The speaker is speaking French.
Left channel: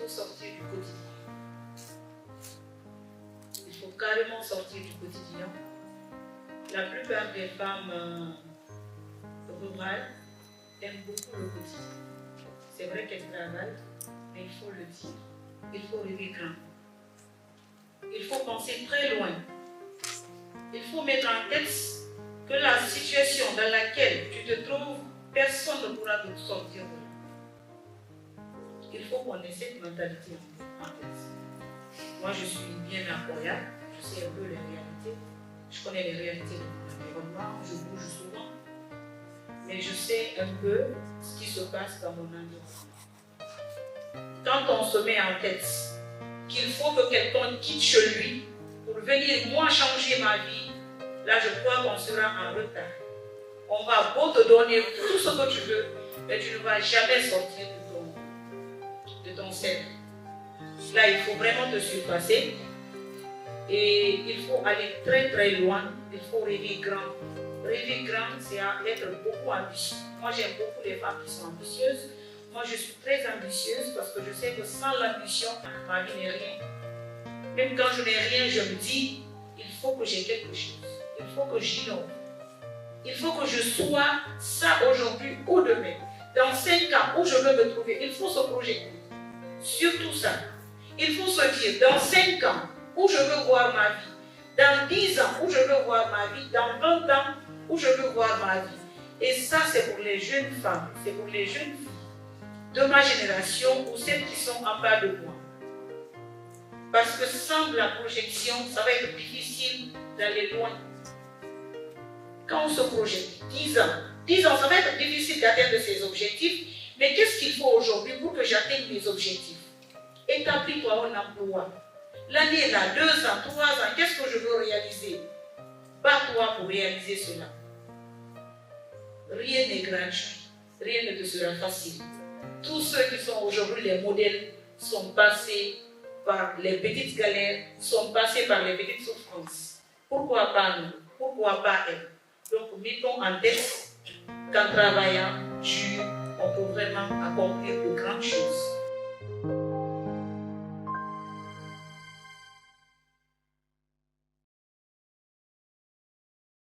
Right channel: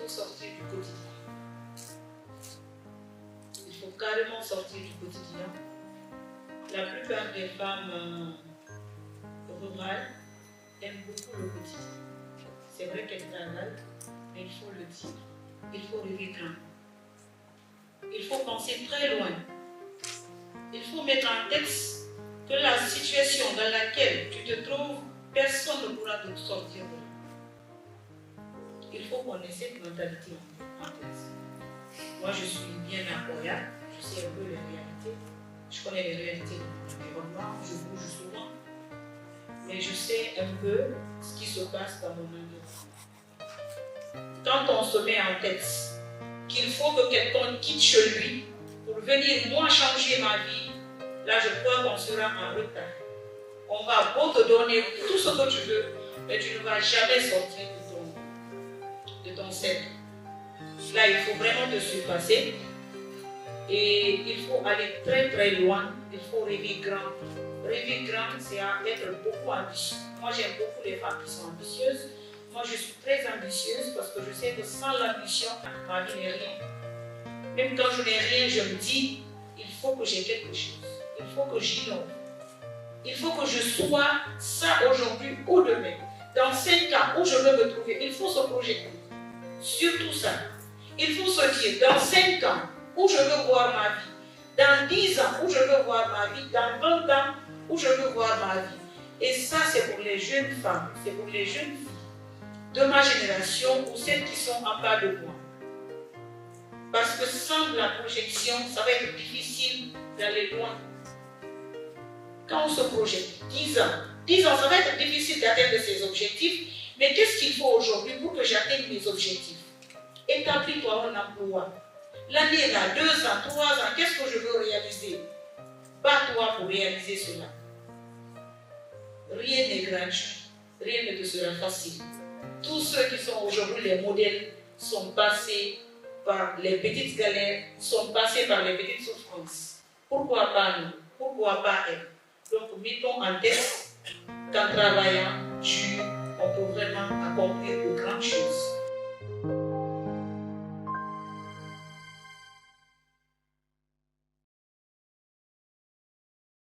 faut sortir du quotidien. Il faut carrément sortir du quotidien. La plupart des femmes rurales aiment beaucoup le quotidien. C'est vrai qu'elles travaillent, mais il faut le dire. Il faut rêver grand. Il faut penser très loin. Il faut mettre en tête que la situation dans laquelle tu te trouves, personne ne pourra te sortir de là. Il faut qu'on ait cette mentalité en tête. Moi, je suis bien à Koya, je sais un peu les réalités. Je connais les réalités de mon environnement, je bouge souvent. Mais je sais un peu ce qui se passe dans mon environnement. Quand on se met en tête qu'il faut que quelqu'un quitte chez lui pour venir, moi, changer ma vie, là, je crois qu'on sera en retard. On va beau te donner tout ce que tu veux, mais tu ne vas jamais sortir de ton cercle. Là, il faut vraiment te surpasser. Et il faut aller très très loin. Il faut rêver grand. Rêver grand, c'est être beaucoup ambitieux. Moi, j'aime beaucoup les femmes qui sont ambitieuses. Moi, je suis très ambitieuse parce que je sais que sans l'ambition, ma vie n'est rien. Même quand je n'ai rien, je me dis, il faut que j'ai quelque chose. Il faut que j'innove. Il faut que je sois ça aujourd'hui ou demain. Dans 5 ans où je veux me trouver, il faut se projeter. Surtout ça. Il faut se dire, dans 5 ans où je veux voir ma vie, dans 10 ans où je veux voir ma vie, dans 20 ans où je veux voir ma vie. Et ça, c'est pour les jeunes femmes, c'est pour les jeunes filles de ma génération ou celles qui sont en bas de moi. Parce que sans la projection, ça va être difficile d'aller loin. Quand on se projette 10 ans, ça va être difficile d'atteindre ses objectifs, mais qu'est-ce qu'il faut aujourd'hui pour que j'atteigne mes objectifs? Établis-toi un emploi. L'année là, 2 ans, 3 ans, qu'est-ce que je veux réaliser? Bats-toi pour réaliser cela. Rien n'est gratuit, rien ne te sera facile. Tous ceux qui sont aujourd'hui les modèles sont passés par les petites galères, sont passés par les petites souffrances. Pourquoi pas nous? Pourquoi pas elles? Donc, mettons en tête qu'en travaillant dur, on peut vraiment accomplir de grandes choses.